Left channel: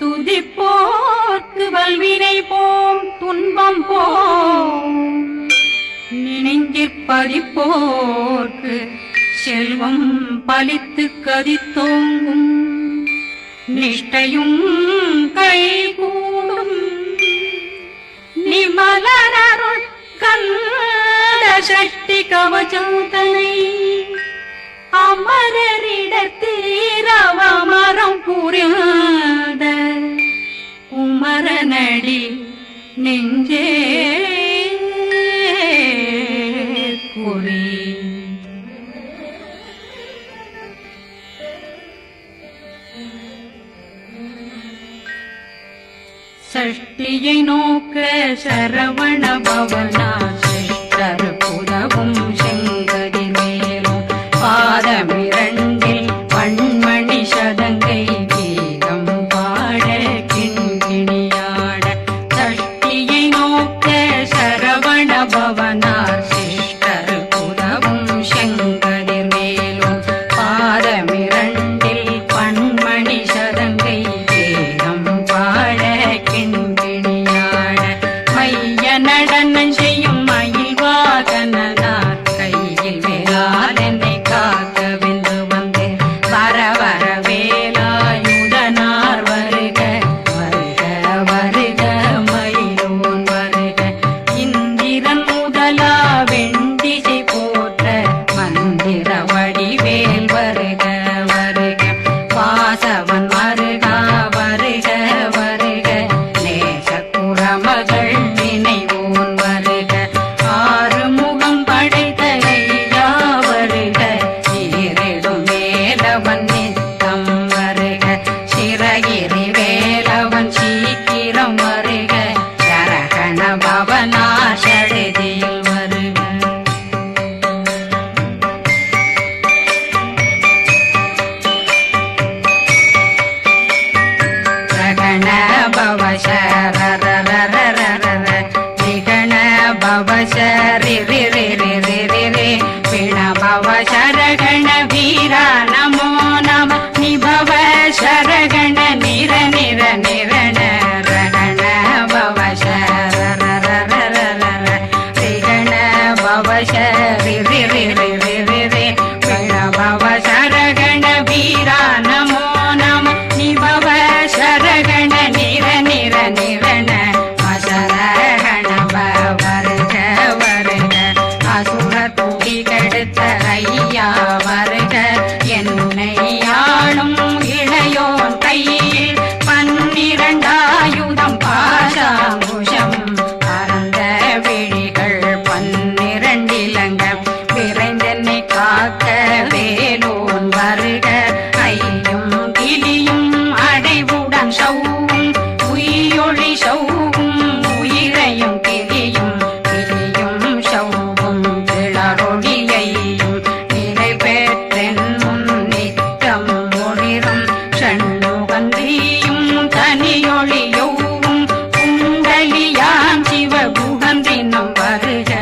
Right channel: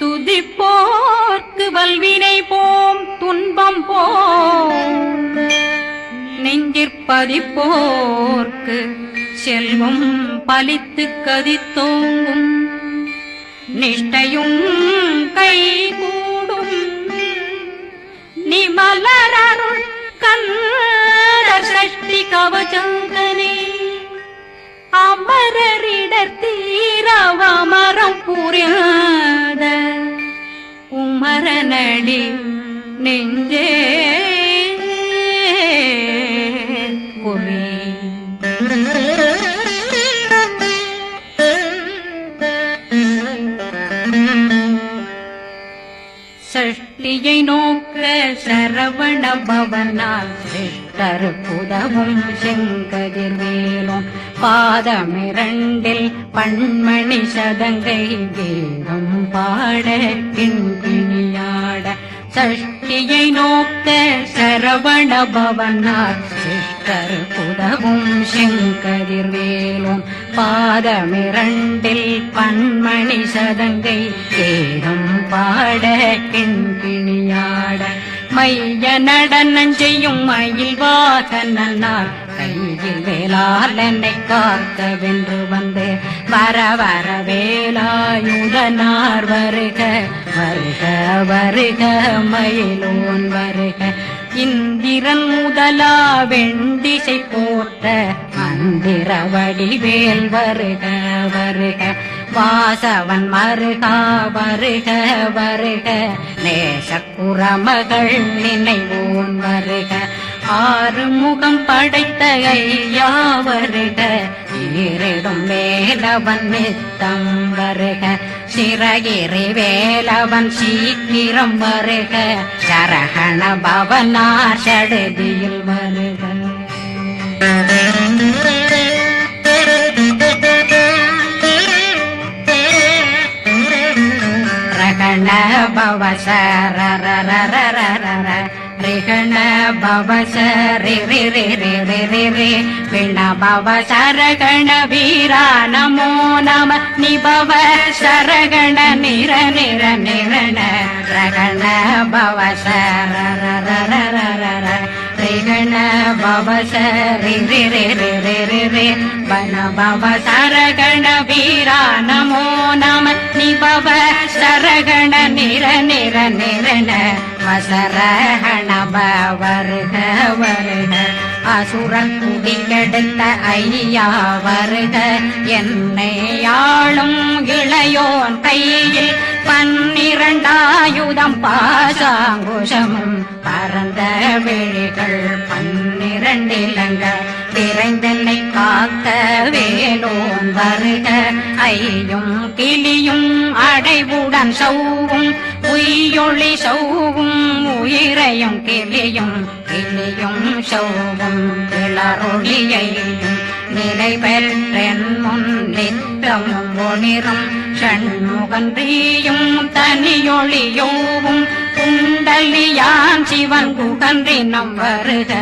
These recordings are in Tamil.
துதிப்போர்க்கு வல்வினை போம் துன்பம் போம் நெஞ்சிற்பதிப்போர்க்கு செல்வம் பலித்து கதித்தோங்கும் நிஷ்டையும் கைகூடும் நிமலரருள் கந்த சக்தி கவசந்தனை அமரரிடத்தீரவமரம் புரியாத குமரனடி நெஞ்சே குழி சஷ்டியை நோக்க சரவண பவனா சித்தருக்குதவும் செங்கதிர் மேலும் பாதமிரண்டில் பண்மணி சதங்கை கீதம் பாட கிண்கிணியாட சஷ்டியை நோக்க சரவண பவனா சித்தருக்குதவும் செங்கதிர் மேலும் பாதமிரண்டில் பண்மணி சதங்கை கீதம் பாட கிண்கிணியாட மைய நடனம் செய்யும் மயில் வாகனார் கையில் வேளாளனை காக்க வென்று வந்து வர வர வேலாயுதனார் வருக வருக வருக மயிலோன் வருக இந்திரன் முதலா வெண்டிசை போட்ட மந்திர வடிவேல் வருக வருக வாசவன் வருகா வருக வருக நேசக்குறமகள் நினைவோன் வருக ஆறுமுகம் படைத்த ஐயா வருக ஈரிடும் வேலவன் நித்தம் வருக சிறகிரி வேலவன் சீக்கிரம் வருக சரகண பவனா சடதியில் வருக பவ சரண பவ சரி பிண பவ சரகண வீரா நமோ நம நிபவ சரகண நிர நிர நிரண ரகண பவ சரண பவ சரி பண பவ சரகண வீரா நமோ நம நிபவ சரகண நிர நிர நிரண அசரகண வருக வருக அசுர குடிகெடுத்த ஐயா வருக என்னை ஆளும் இளையோன் கையில் 12 பாசாங்குஷம் பரந்த விழிகள் 12 இலங்க விரைந்தென்னை காக்க வேலோன் வருக ஐயும் கிளியும் அடைவுடன் சௌவும் உயிரொளி சௌவும் உயிரையும் கிளியும் கிளியும் சௌவும் கிளரொளியையும் நிலை பெற்றென் முன் நித்தம் ஒளிரும் ஷண்முகந்தியும் தனியொளியோவும் குண்டலியான் சிவகுகந்தினம் வருக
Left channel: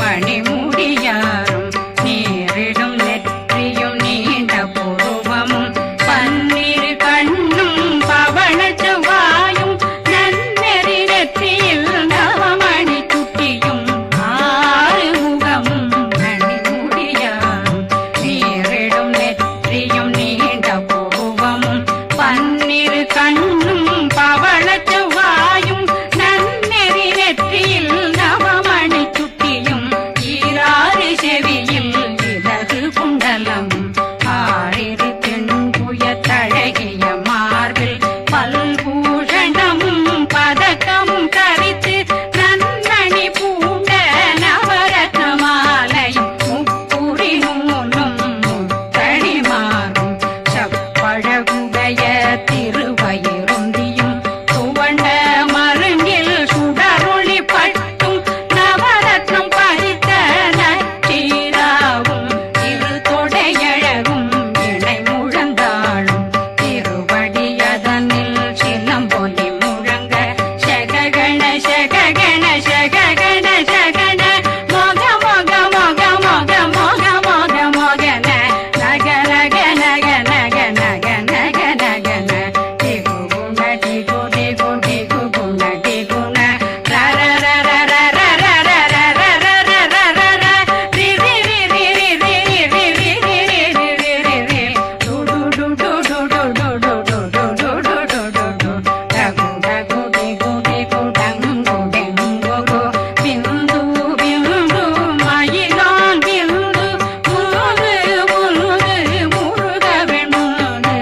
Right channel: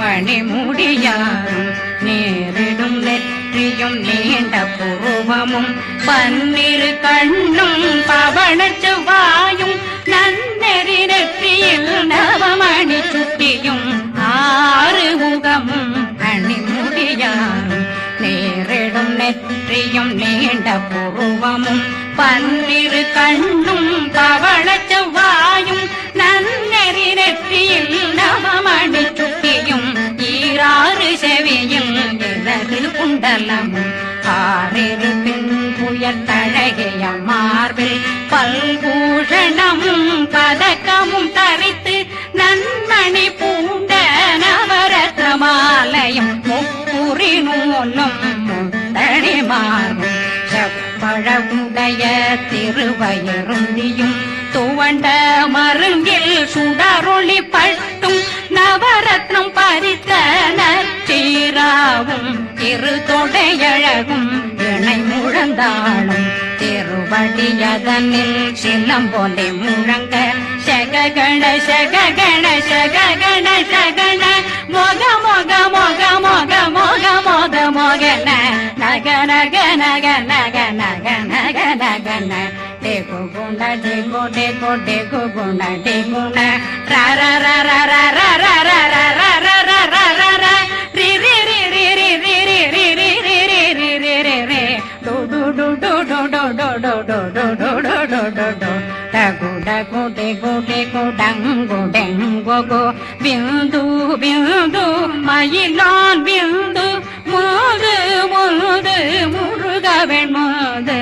மணிமுடியாரும் நேரிடும் நெற்றியும் நீண்ட பூவமும் 12 கண்ணும் பவள செவ்வாயும் நன்னெறி நெற்றியில் நவமணி சுட்டியும் 6 முகமும் மணிமுடியாரும் நேரிடும் நெற்றியும் நீண்ட பூவமும் 12 கண்ணும் பவள செவ்வாயும் நன்னெறி நெற்றியில் நவமணி சுட்டியும் 6 செவியும் இடது குண்டலமும் 6 திண்புய தழகிய மார்பில் பல்பூஷணமும் பதக்கமும் தரித்து நன்மணி பூண்ட நவரத்ன மாலையும் முப்புரி நூலும் முத்தணிமாறும் செப்பழகுடைய திருவயருந்தியும் துவண்ட மருங்கில் சுடரொளி பட்டும் நவரத்னம் பறித்த நச்சீராவும் திருத்தொடையழகும் இணை முழந்தாளும் திருவடியதனில் சிலம்பொலி முழங்க சககண சககண சககண சகண நக நக நக நக நக நக நக ந டேகு குண டேகு டேகு டேகு குண டேகு ந ர ர ர ர ர ர ர ர ர ர ர ர ர ர ர ரி ரி ரி ரி ரி ரி ரி ரி ரி ரி ரி ரி ரி ரி ரி டு டு டு டு டு டு டு டு டு டு டு டு டு டு டு டகு டகு டேகு டேகு டங்கு டெங்கு கு பிந்து பிந்து மயிலான் பிந்து முது முது முருகவன் முது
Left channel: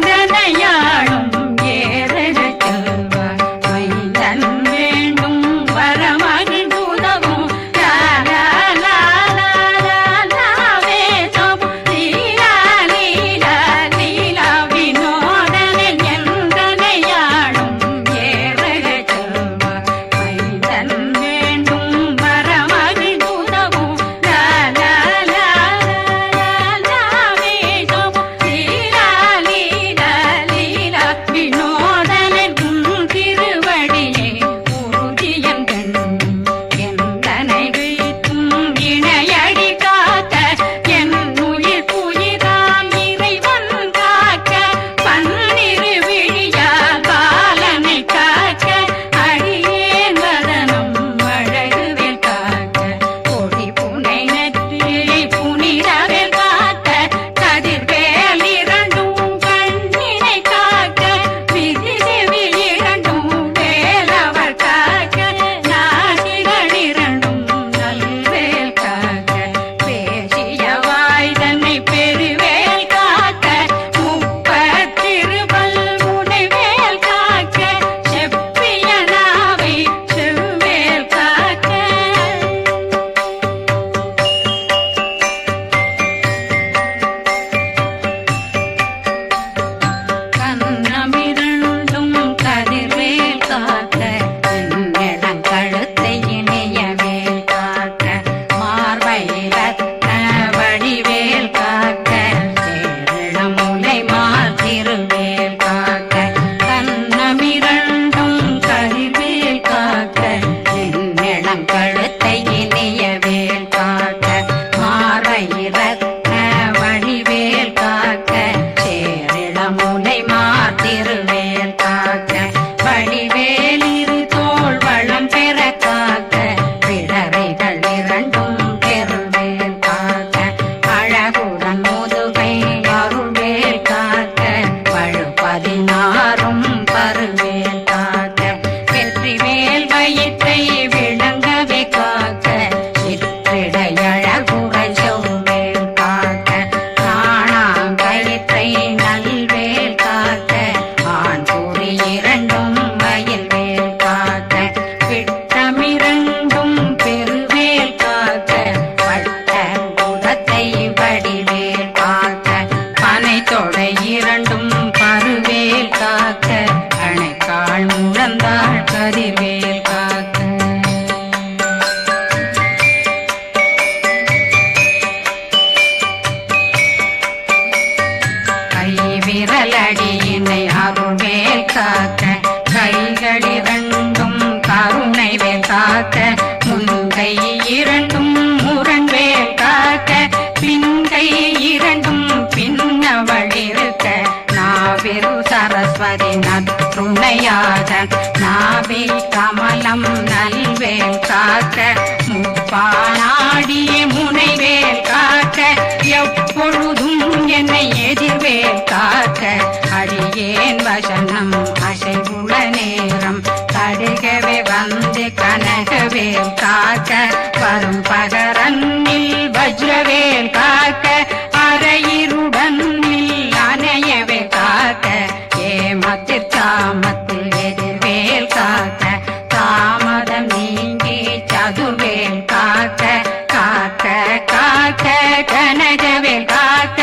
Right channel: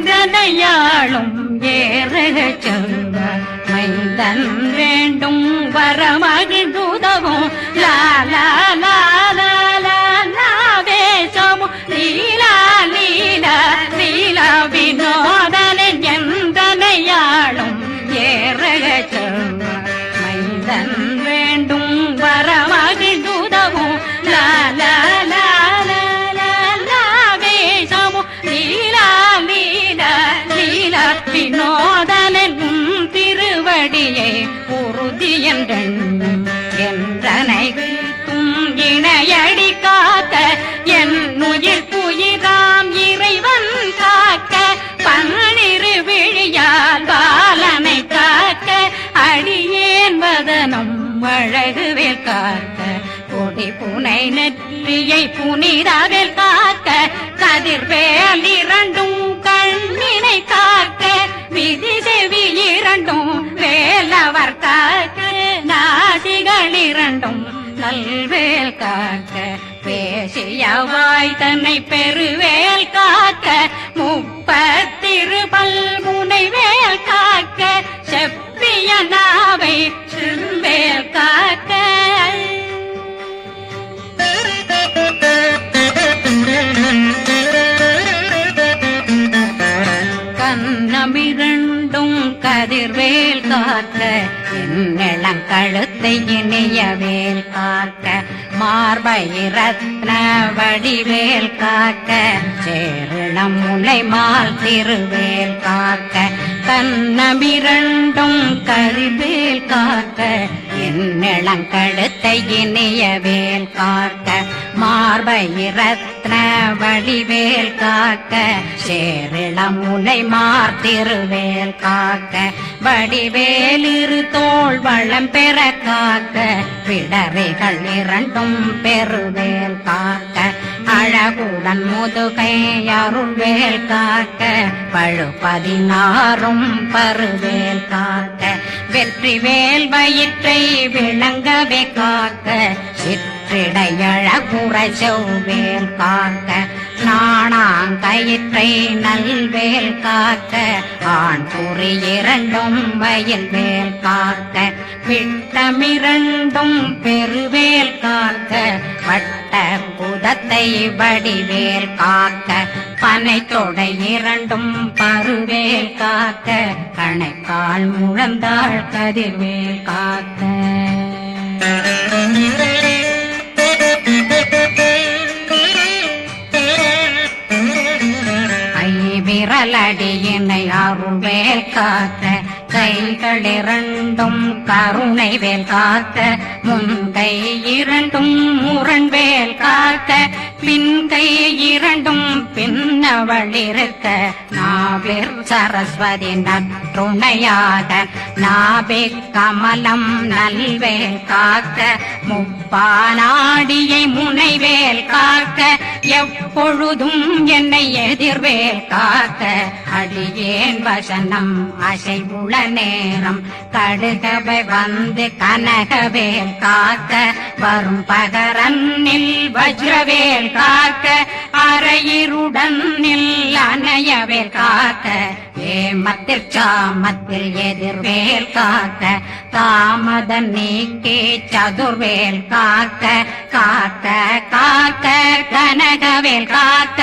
எந்தனையாளும் ஏறுக செல்வ மைந்தன் வேண்டும் வரமகிழ்ந்துதவும் லா லா லா லா லா லாவே சமு லீலா லீலா லீலா வினோதனன் எந்தனையாளும் ஏறுக செல்வ மைந்தன் வேண்டும் வரமகிழ்ந்துதவும் லா லா லா லா லா லாவே சமு லீலா லீலா லீலா வினோதனன் உன் திருவடியை உறுதியன் கண்ணும் எந்தனைகளுக்கும் இணையடி காக்க என் உயிர் புயிராம் இறைவன் காக்க பன்னிரு விழியால் பாலனை காக்க அடியேன் வதனம் அழகுவேல் காக்க கொடி புனை நெற்றியை புனிதவேல் காக்க கதிர்வேல் இரண்டும் கண்ணினை காக்க விதி செவி இரண்டும் வேலவர் காக்க நாசிகள் இரண்டும் நல்வேல் காக்க பேசிய வாய் தன்னை பெருவேல் காக்க முப்பத்திருபல் முனைவேல் காக்க செப்பிய நாவை செல்வேல் காக்க கண்ணமிரண்டும் கதிர்வேல் காக்க இளம் கழுத்தை இனியவேல் காக்க மார்பை ரத்ன வடிவேல் காக்க சேரணம் முனை மால் திருவேல் காக்க கண்ணமிரண்டும் கரிவேல் காக்க இளம் கழுத்தை இனியவேல் காக்க மார்பை ரத்ன வடிவேல் காக்க சேரிளம் முனை மார்த்திருவேல் காக்க வடிவேல் இரு தோள் வளம் பெற காக்க பிடரைகள் இரண்டும் பெருவேல் காக்க அழகுடன் முதுகை அருள்வேல் காக்க பழு 16 பருவேல் காக்க வெற்றிவேல் வயிற்றை விளங்கவே காக்க சிற்றிடையழகுறை செவ்வேல் காக்க நாணாங்கயிற்றை நல்வேல் காக்க ஆண் குறி இரண்டும் வயல்வேல் காக்க விட்டமிரண்டும் பெருவேல் காக்க வட்ட புதத்தை வடிவேல் காக்க பனை தொடை இரண்டும் பருவேல் காக்க அணைக்கால் முழந்தாள் கதிர்வேல் காக்க விரலடியினை அருள்வேல் காக்க கைகள் இரண்டும் கருணை வேல் காக்க முன்கை இரண்டும் முரண்வேல் காக்க பின்கை இரண்டும் பின்னவளிருக்க நாவில் சரஸ்வதி நற்றுணையாக நாவே கமலம் நல்வேல் காக்க முப்பானாடியை முனைவேல் காக்க எப்பொழுதும் என்னை எதிர்வேல் காக்க அடியேன் வசனம் அசைவுள நேரம் கடுகவே வந்து கனகவேல் காக்க வரும் பகரன்னில் வஜ்ரவேல் காக்க அரையிருடன் அணையவேல் காக்க ஏமத்தில் காமத்தில் எதிர்வேல் காக்க தாமதம் நீக்கி சதுர்வேல் காக்க காக்க காக்க கனகவேல் காக்க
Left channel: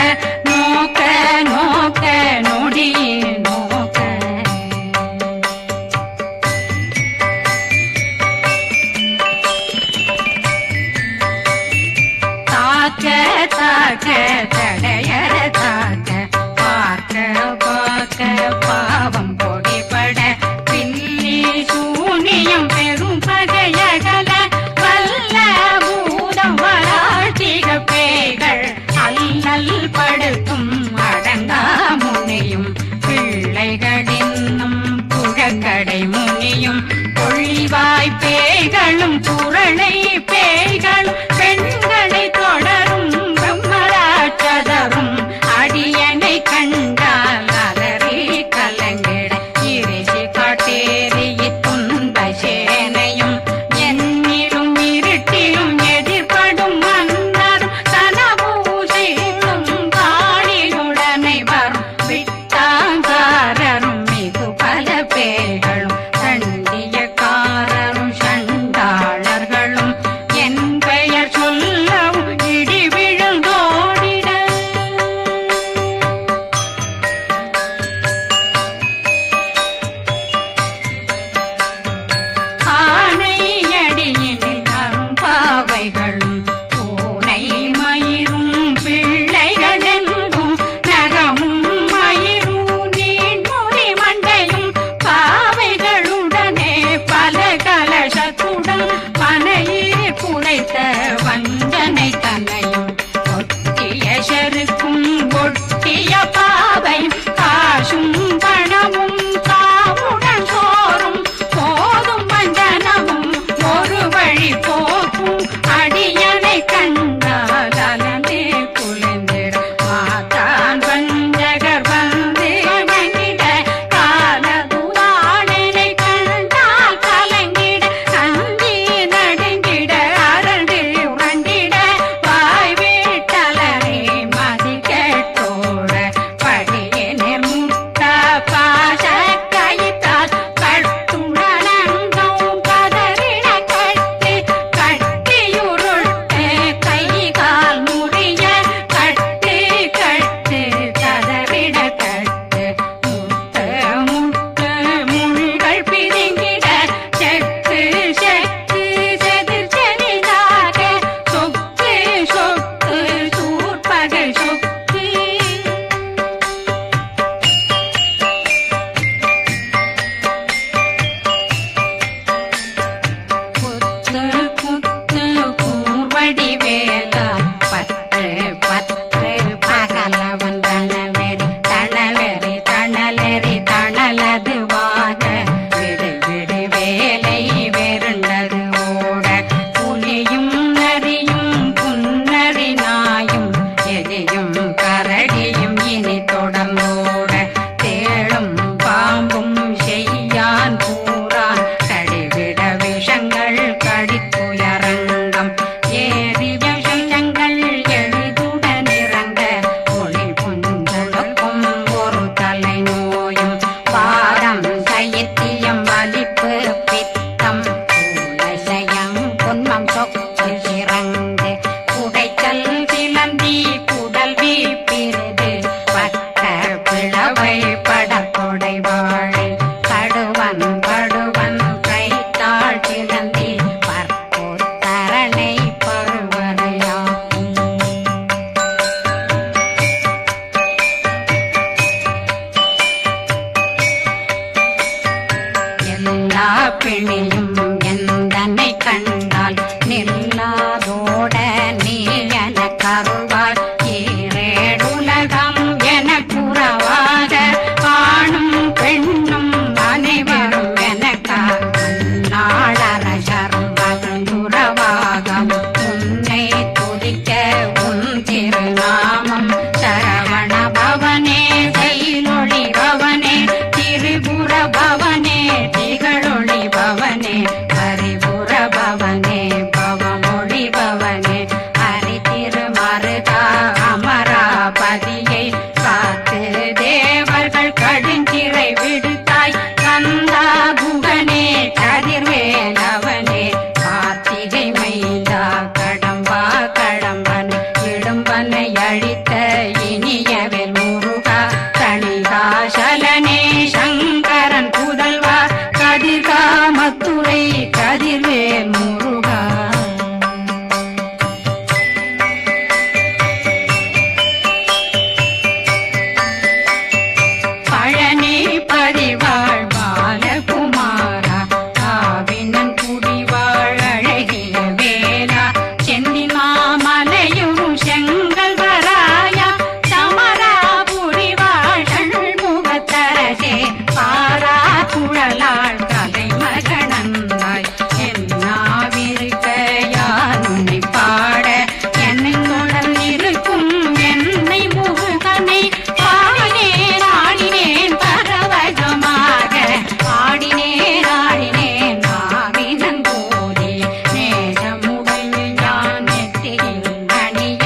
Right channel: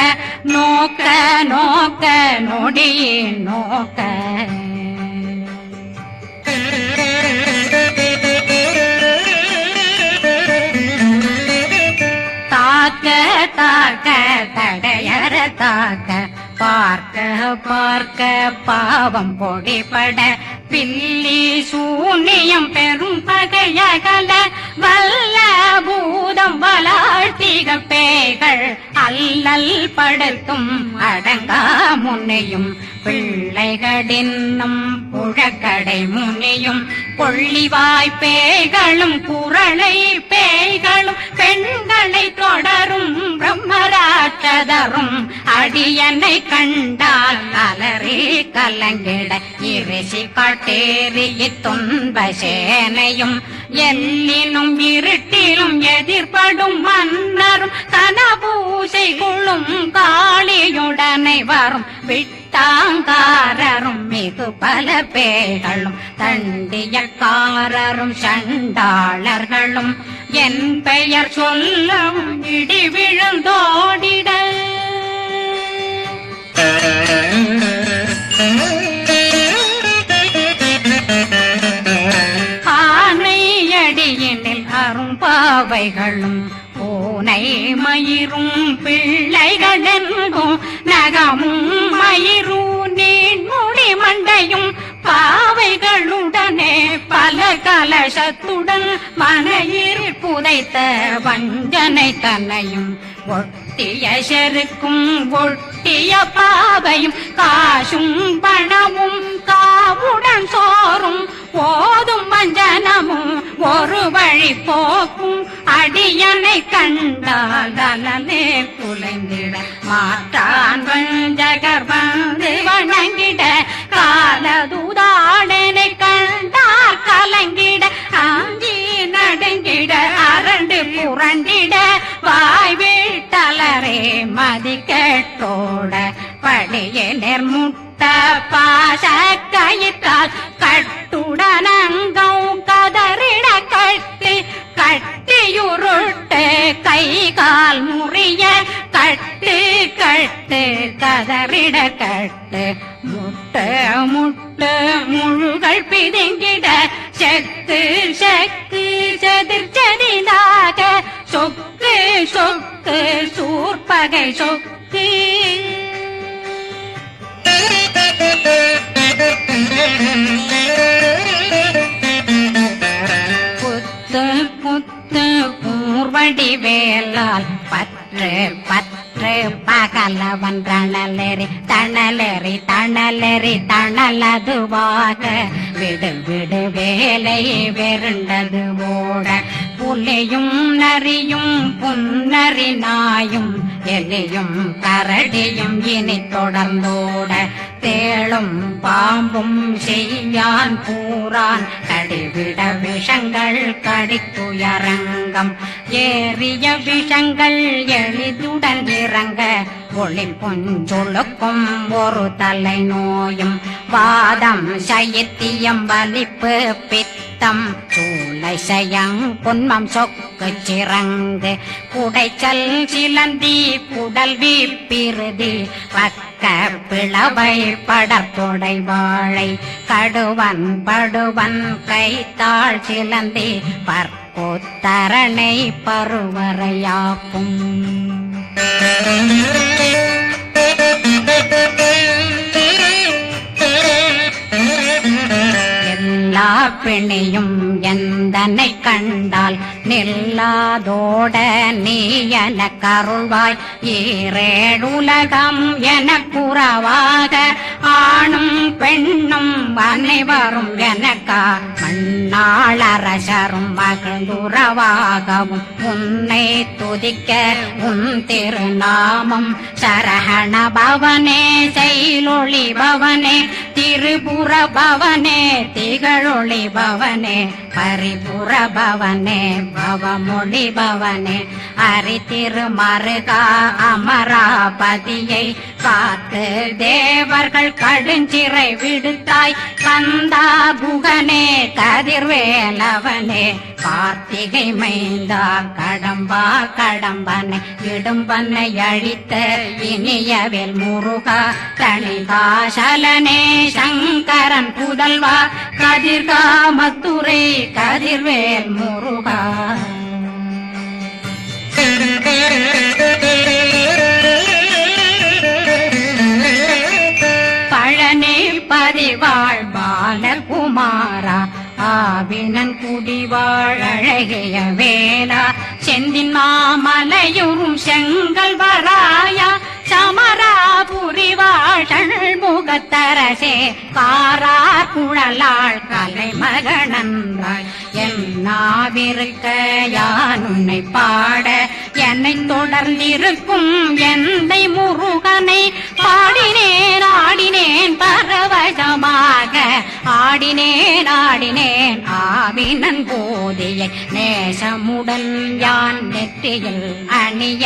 நோக்க நோக்க நொடியில் நோக்க தாக்க தாக்க தடையற தாக்க பார்க்க பார்க்க பாவம் பொடிபட பில்லி சூனியம் பெரும் பகையகல வல்ல பூதம் வளாழ்த்திக பேய்கள் அல்லல் படுத்தும் அடங்கா முனையும் பிள்ளைகளின்னும் புழக்கடை முனியும் கொள்ளிவாய் பேய்களும் குரளை பேய்களும் பெண்களை தொடரும் பிரம்மராட்சதரும் அடியனை கண்டால் அலறி கலங்கிட இறைசி பாட்டேறிய துன்ப சேனையும் என்னிலும் இருட்டிலும் எதிர்படும் மன்னரும் தனபூசைகளும் காளியுடனை வரும் விட்டாங்காரரும் மிகு பல பேர்களும் தண்டியக்காரரும் சண்டாளர்களும் என் பெயர் சொல்லவும் இடி விழுந்தோடிட ஆனையடியினில் அரும்பாவைகளும் பூனை மயிரும் பிள்ளைகளெங்கும் நகமும் மயிரும் நீண்முடி மண்டையும் பாவைகளுடனே பல கலசத்துடன் மனையில் புதைத்த வஞ்சனை தன்னையும் ஒட்டிய செருக்கும் ஒட்டிய பாவையும் காசும் பணமும் காவுடன் சோறும் போதும் வஞ்சனமும் ஒரு வழி போக்கும் அடியனை கண்டாலே குளிந்திட மாதான் வஞ்சகர் வந்து வணங்கிட காலதுதாடனை கண்டால் கலங்கிட காந்தி நடுங்கிட அரண்டு புரண்டிட வாய் வீட்டலரே மதி கேட்டோட படியே நிர்முட்ட பாச கயிற்றால் கட்டுடலங்கம் கதறிட கட்டி கட்டியுருட்டு கை கால் முறிய கட்டு கட்டு கதறிட கட்டு முட்ட முட்ட முள்கள் பிதுங்கிட செக்கு செக்கு செதிர் செதிலாக சொக்கு சொக்கு சூர்பகை சொக்கு புத்து புத்து கூர்வடி வேலால் பற்று பற்று பகலவன் தணலெறி தணலெறி தணலெறி தணலதுவாக விடு விடு வேலை வெருண்டது ஓட புலியும் நரியும் புன்னரி நாயும் எலியும் கரடியும் இனி தொடர்ந்தோட தேளும் பாம்பும் செய்யான் கூறான் கடிவிட விஷங்கள் கடித்துயரங்கம் ஏறிய விஷங்கள் எளிதுடன் இறங்க ஒளி புஞ்சொழுக்கும் ஒரு தலை நோயும் வாதம் சைத்தியம் வலிப்பு பித்தம் சயம் பொன்மம் சொக்கு சிறங்கு குடைச்சல் சிலந்தி குடல் வீப்பிருது பக்க பிளவை படற்கொடை வாழை கடுவன் படுவன் கைத்தாள் சிலந்தி பற்போத்தரணை பருவரையாக்கும் எல்லா பிணியும் எந்தனை கண்டால் நில்லாதோட நீ என கருள்வாய் ஈரேடுலகம் என குறவாக ஆணும் பெண்ணும் அனைவரும் எனக்கா மண்ணாளரசரும் மகிழ்ந்துறவாகவும் உன்னை துதிக்க உன் திருநாமம் சரஹண பவனே செயலொளி பவனே திரிபுர பவனே திகழொளி பவனே பரிபுர பவனே பவமொழி பவனே ஹரி திருமருகா அமராபதியை காத்து தேவர்கள் கடுஞ்சிறை விடுத்தாய் கந்தா குகனே கதிர்வேலவனே கார்த்திகை மைந்தா கடம்பா கடம்பனை இடும்பனை அழித்த இனியவில் முருகா தனிதாசலனே சங்கரன் புதல்வா கதிர்காமத்துறை கதிர்வேல் முருகா மலையுறும் செங்கல் வராயா சமராபுரி வாழல் முகத்தரசே பாரா குழலாள் கலை மகனந்தாய் என்னாவிருக்க யான் உன்னை பாட என்னை தொடர்ந்திருக்கும் என்னை முருகனை பாடினேன் ஆடினேன் பரவசமாக ஆடினேன் ஆடினேன் ஆவினன் போதிய நேசமுடன் யான் நெற்றியில் அணிய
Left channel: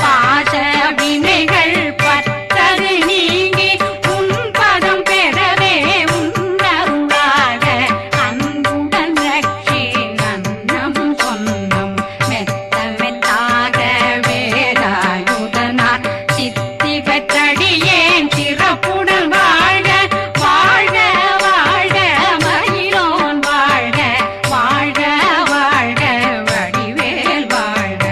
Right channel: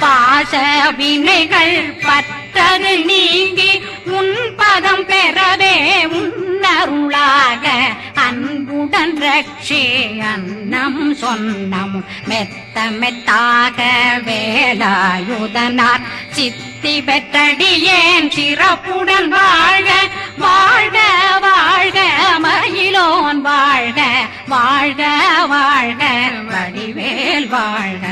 பாச வினைகள் பற்றது நீங்கி உன் பதம் பெறவே உன்னருளாக அன்புடன் ரட்சி அன்னம் சொன்னம் மெத்த மெத்தாக வேலாயுதனார் சித்தி பெற்றடியேன் சிறப்புடன் வாழ்க வாழ்க வாழ்க மகிழோன் வாழ்க வாழ்க வாழ்க வடிவேல் வாழ்க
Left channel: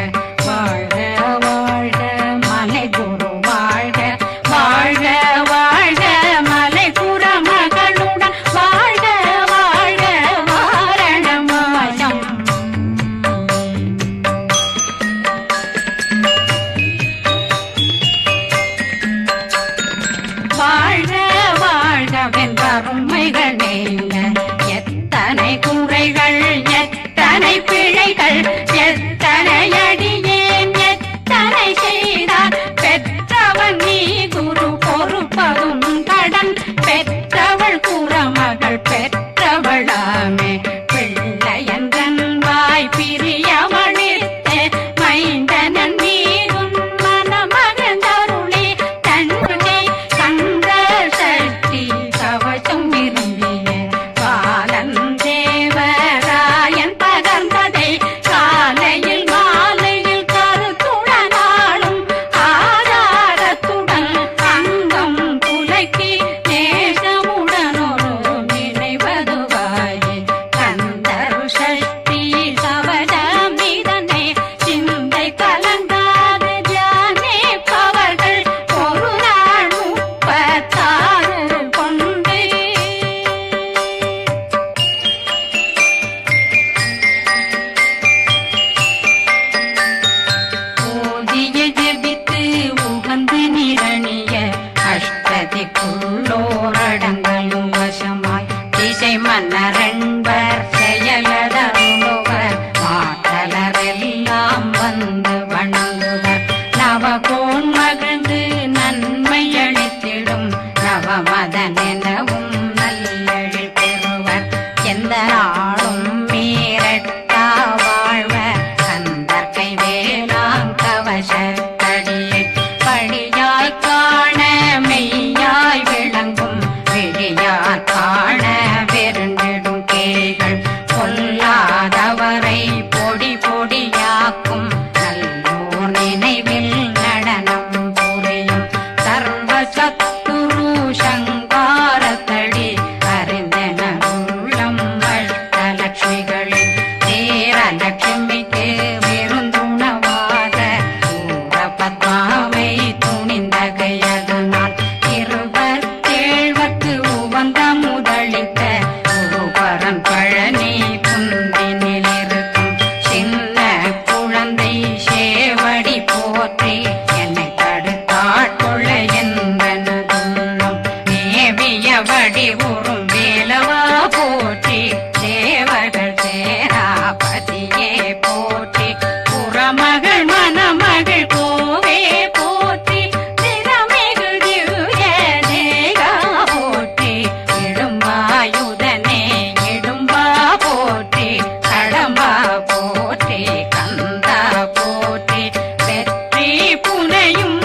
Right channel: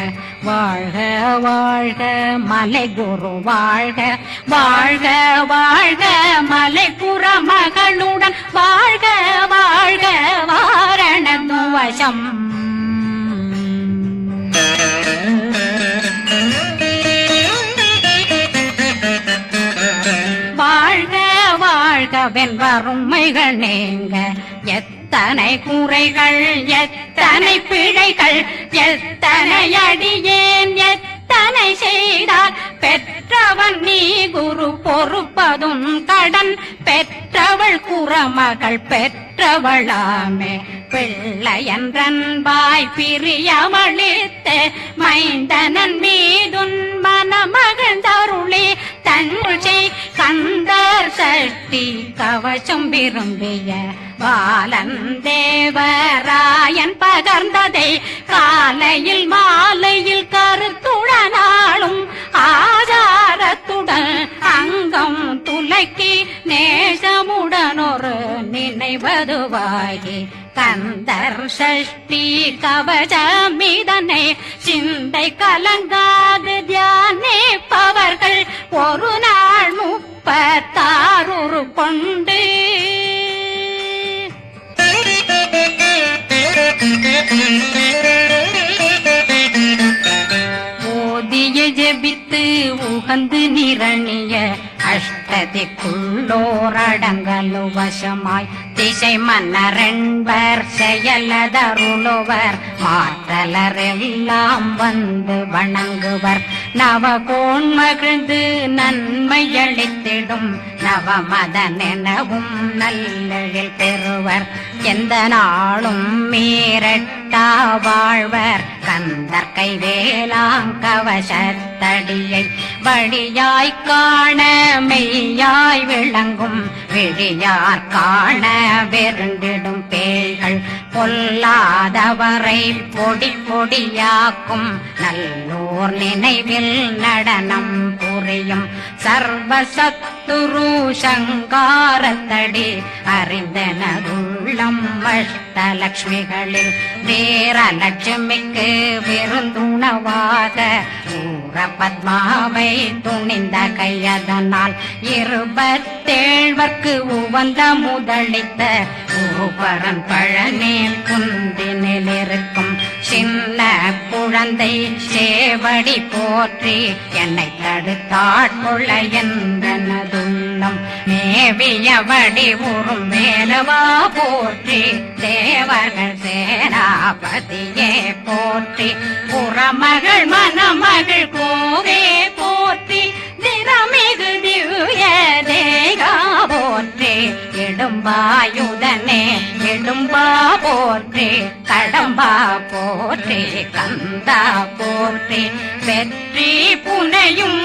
வாழ்க வாழ்க மலை குரு வாழ்க வாழ்க வாழ்க மலை புற மகளுடன் வாழ்க வாழ்க வாரணம் வசம் வாழ்க வாழ்க வென்றருமைகள் நீங்க எத்தனை குறைகள் எத்தனை பிழைகள் எத்தனை அடியேன் எத்தனை செய்தார் பெற்றவன் நீ குரு பொறுப்பதும் கடன் பெற்றவள் குறமகள் பெற்றவளாமே பிள்ளையன்றன் வாய் பிரியமளித்த மைந்தனன் மீதுன் மனமகந்தருளே தன்னை கந்த சக்தி கவசம் விரும்பிய பாலன் தேவராயன் பகர்ந்ததை காலையில் மாலையில் கருத்துடனாலும் ஆதாரத்துடன் அங்கம் துலக்கி நேசமுடன் ஒரு நினைவதுவாகி கந்தர் சக்தி கவசம் இதனை சிந்தை கலங்காது தியானிப்பவர்கள் ஒரு நாள் 36 கொண்டு ஓதிய ஜெபித்து உகந்து நிரணிய அஷ்டதிக்குள்ளோரடங்கலும் வசமாய் திசை மன்னரென்பர் செயலதருளுவர் மாற்றலரெல்லாம் வந்து வணங்குவர் நவகோன் மகிழ்ந்து நன்மை அளித்திடும் நவமதனெனவும் நல்லெழில் பெறுவர் எந்த நாளும் மீறட்டா வாழ்வர் கந்தர் கைவேலாங்கவசத்தடியை வழியாய் காண மெய்யாய் விளங்கும் விழியார் காண வெருண்டிடும் கேள்கள் பொல்லாதவரை பொடி பொடியாக்கும் நல்லோர் நினைவில் நடனம் புரியும் சர்வசத்துரு சங்காரத்தடி அறிந்தனருள்ளம் வட்டலட்சுமிகளில் தேரலட்சுமிக்கு விருந்துணவாக ஊர பத்மாவை துணிந்த கையதனால் 27 உவந்த முதலித்த ஊபரன் பழனில் குந்தினில் இருக்கும் சின்ன குழந்தை சேவடி போற்றி என்னை தடுத்தாட்கொள்ள என்றனதுள்ளம் மேவிய வடிவுறும் வேலவா போற்றி தேவர்கள் சேராபதியே போற்றி புறமகள் மணமகள் கோவே போற்றி தினமிகு திவ்ய தேகா போற்றி இடும்பாயுதனே இடும்பா போற்றி கடம்பா போற்றி கந்தா போற்றி வெற்றி புனையும்